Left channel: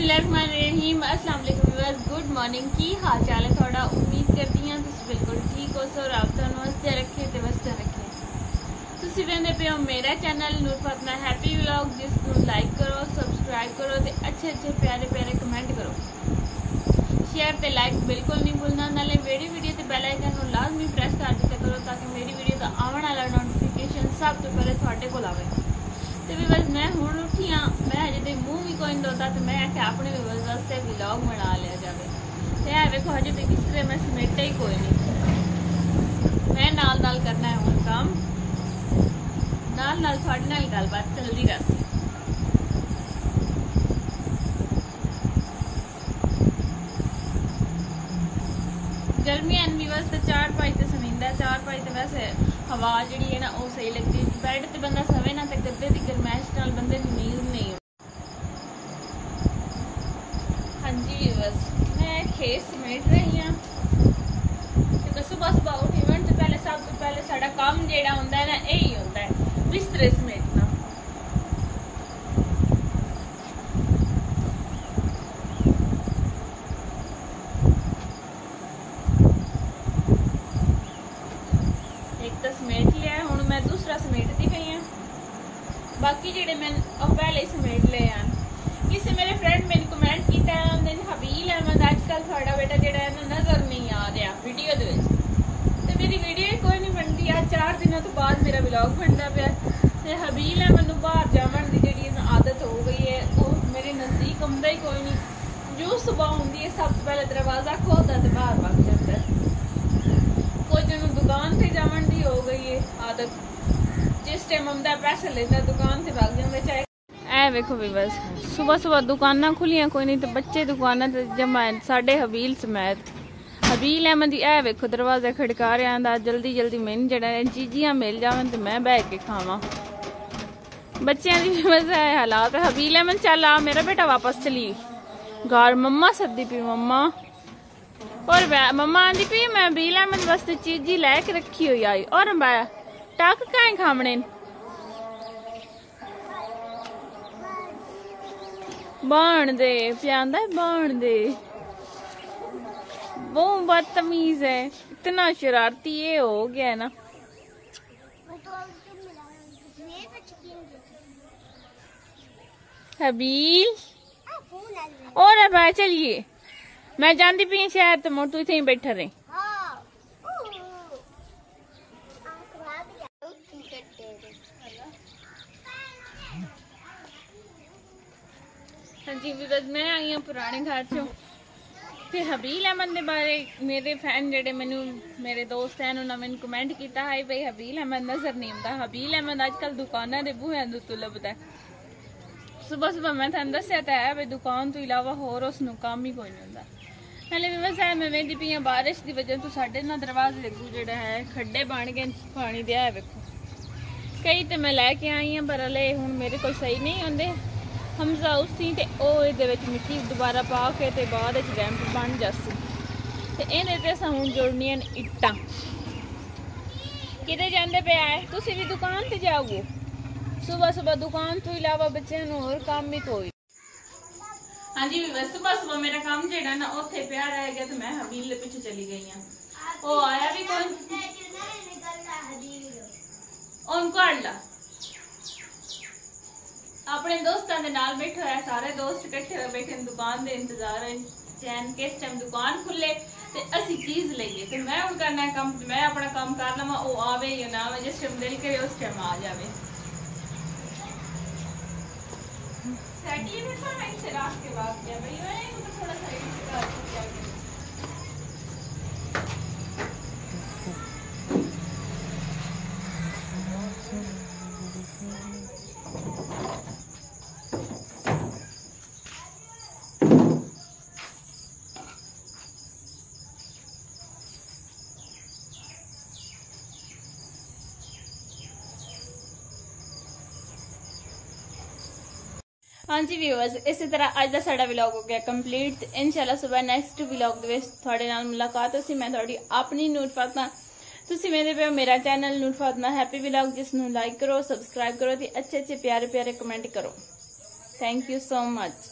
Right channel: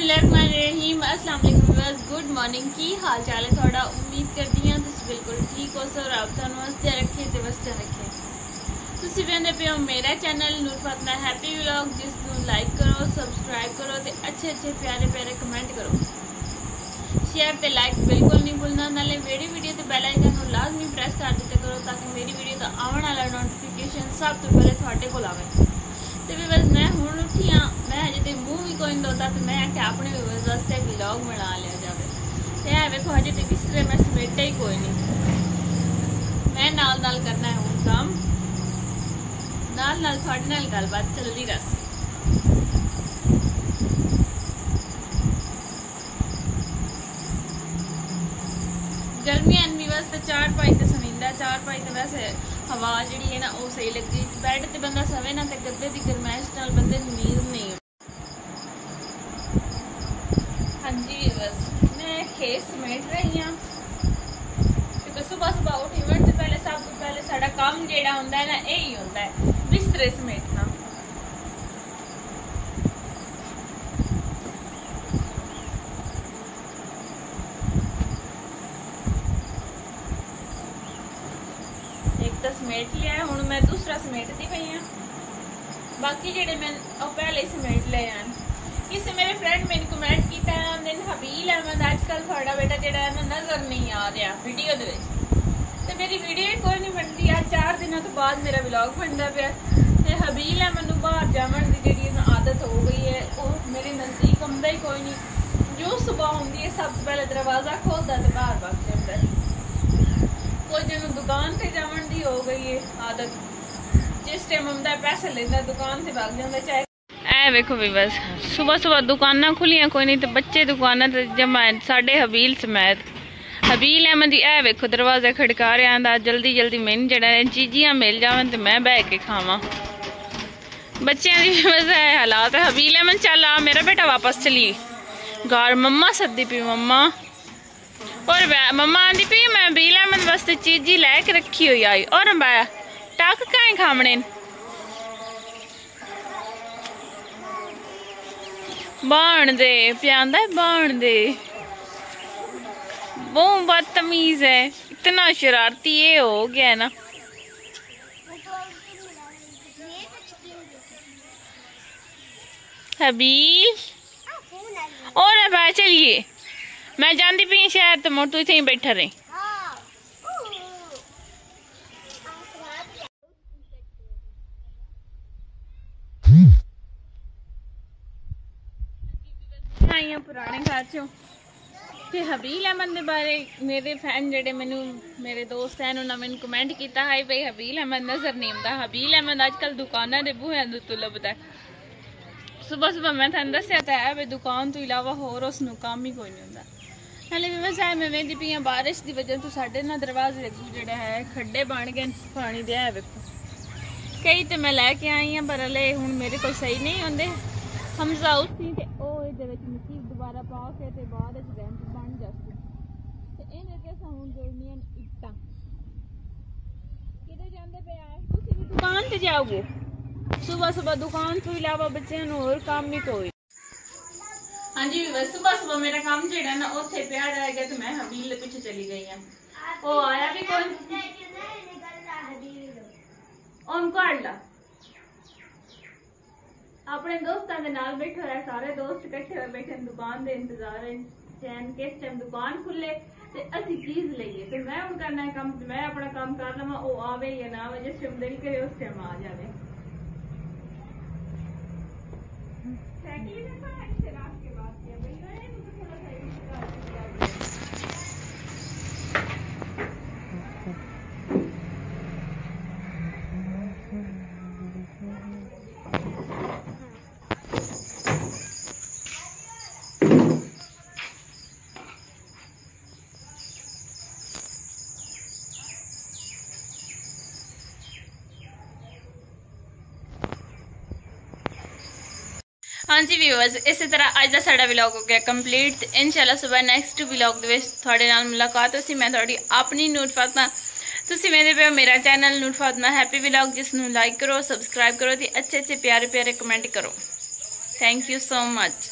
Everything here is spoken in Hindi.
बिस्मिल्लाहिर्रहमानिर्रहीम। अस्सलाम वालेकुम व्यूअर्स, गुड मॉर्निंग। की हाल चाल है थोड़ा? उम्मीद करती हाँ तुम बिल्कुल ठीक हो। सो रब तुहानू हस्ते रखे ते वस्ते रखे। तुसी वेंदे पे हो मेरा चैनल नूर फातिमा हैप्पी व्लॉग, जिसनू लाइक करो, सब्सक्राइब करो ते अच्छे अच्छे प्यारे प्यारे कमेंट करो। शेयर ते लाइक बिल्कुल नहीं भूलना। नाले वीडियो ते बेल आइकन नू लाजमी प्रेस कर दिया करो ताकि मेरी वीडियो का आने वाला नोटिफिकेशन सब तो पहले तुहाडे कोल आवे। तो व्यूअर्स मैं हुण उठी हाँ, मैं हजे तो मूँह भी कोई नहीं धोता, तो मैं आख्या अपने व्यूअर्स वास्ते व्लॉग बना लिया जाए। तो यह देखो हजे तो बिस्तरे मैं समेटा ही कोई नहीं। मैं नाल नाल करना है हुण काम, नाल नाल तुहाडे नाल गलबात चलदी रहसी। गर्मियां व्यूअर्स तो चार पाई तो समींदा, चार पाई तो वैसे हवा जी है ना वो सही लगती। बैड ते बंदा सवे ना तो गद्दे की गरमैश नाल बंदे नींद नहीं। हाँ जी व्यूअर्स, मैं खेत समेट रही हाँ क्योंकि सुबह सुबह उठी उठने से पहले सब तो पहले साडा काम जेड़ा हुंदा है ना यही होंदा है, बिस्तरे समेटना। तो समेट लिया है, हुण मैं दूसरा समेटती पई हाँ। बाकी जेडे मैं पहले समेट ले हैं। किसी मेरे फ्रेंड मैंने कमेंट किया हबील अहमद आजकल थोड़ा बेटा जेड़ा है ना नजर नहीं आ रहा वीडियो दे विच। ते मेरी वीडियो कोई नहीं बनती। आज 4 दिनों तो बाद मेरा व्लॉग बनता पाया। ते हबील अहमद नूं बाहर जावन दी जेड़ी आदत हो गई है, वो मेरे नजदीक आउंदा ही कोई नहीं। जो सुबह होंदी है सब तो पहले दरवाजा खोलता तो बाहर वग जाता है। कोई जिन्होंने दुकान से जावन दी हो गई है आदत, जिस टाइम आंदा पैसे लेंदा दुकान से भाग जांदा। चाहे ऐ वेखो भी बस सुबह सुबह दुकाना खुलियां कोई नहीं तो बच्चे दुकाना ते जमा साडे हबील समेत। हबील अहमद ऐ वेखो दरवाजा खड़का रहा आंदा जल्दी जल्दी मैनूं जेड़ा चीजियां मिल जावन ते मैं बह के खावां। बच्चों की बस ऐ हालात है। हबील अहमद चल आ मेरा बेटा वापस चली घर, मम्मा सद्दी पी मम्मा। और मम्मा आंदी पी मैं हबील अहमद वास्ते चीजी लैके रखी हुई आई। और मैं टक कहीं खामने बाण दे प्यांदा बाण दे। वो बदतमीज है, इतना शरारती ये हो गया है ना। हबील और अब चलिए मैं जाती पी शहर तो मुड़ तू इथे ही बैठा रहे। हाँ जी मैं आई हूँ पुराने घर चो। ते हबील अहमद के बारे मेरे फैन जेडे मैनू मेरे दोस्त हैं उन्होंने मैंने कमेंट किया है भाई हबील अहमद नजर नहीं आता। हबील अहमद अजकल दुकाना के बूहे तो लभदा है। सुबह सुबह मैं थानू दस्या तो है भाई दुकान तो इलावा होर उसनू काम ही कोई नहीं होंदा। नाले व्यवसाय मैं वेंदी पई हां बारिश की वजह तो साडे ना दरवाजे लगू जेड़ा है खड्डे बन गए पानी दे। है वेखो कई तो मैं लैके आई हाँ पर हले हुण मेरे कोल सही नहीं होंदे। हमजा उसी ते ओ इहदे विच मिट्टी दोबारा पा के ते बाद विच रैंप बन जासी ते इहदे ते असां हुण जोड़नियां इट्टां। किते जांदे पे आए तुसीं भी दुकान ते जाओगे? सुबह सुबह दुकान तो इलावा बच्चों नूं होर काम भी कोई। हाँ जी सुबह सुबह मेरा काम जेड़ा ना उत्थे पिया रह गया तो मैं हबील के पीछे चली गई हाँ। वो आया भी कौन उनको ला अपने दोस्तों के नाल बैठा है। सारे दोस्त इकट्ठे हुए बैठे दुकान के इंतजार है चैन किस टाइम दुकान खुले ते असी चीज लईए। तो मैं हुण करना है काम, मैं अपना काम कर लवां, वो आवे या ना आवे, जिस टाइम दिल करे उस टाइम आ जावे। सैटी में तो मैं इसे रात के बाद गया भाई मैं तो थोड़ा सा हाँ जी व्यूअर्स इस तरह अज का साडा व्लॉग हो गया कंप्लीट। इंशाल्लाह सुबह नैक्सट व्लॉग थोड़े नाल मुलाकात होसी। मैं थोड़ी अपनी नूर फातिमा, तुसी मेरे पे मेरा चैनल नूर फातिमा हैप्पी व्लॉग जिसनू लाइक करो, सब्सक्राइब करो, अच्छे अच्छे प्यारे प्यारे कमेंट करो। Thank you so much.